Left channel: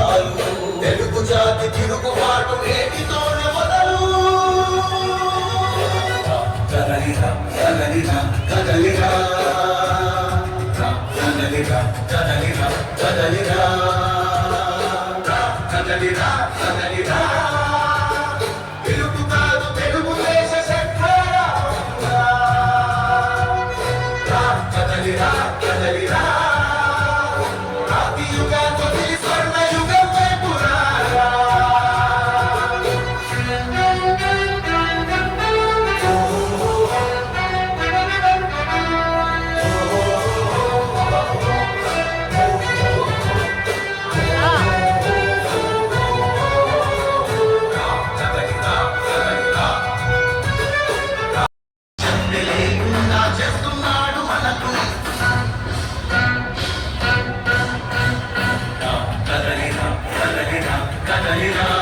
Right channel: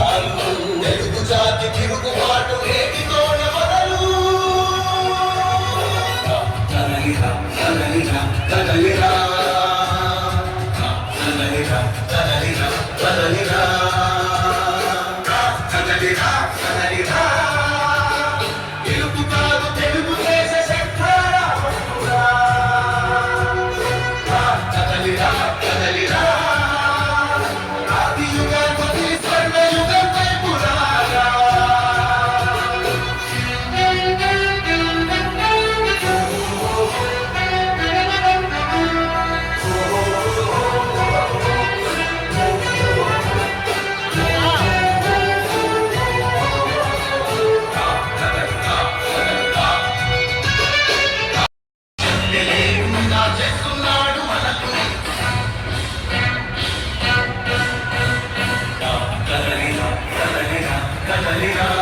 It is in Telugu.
చాలు తెలుగు జాతి తిరుగుబాటు నేటితోనే మొదలు. కదలిరా కదలిరా కదలిరా. కదలిరా కదలిరా కదలిరా. కదలిరా కదలిరా. కదలిరా కదలిరా. Hare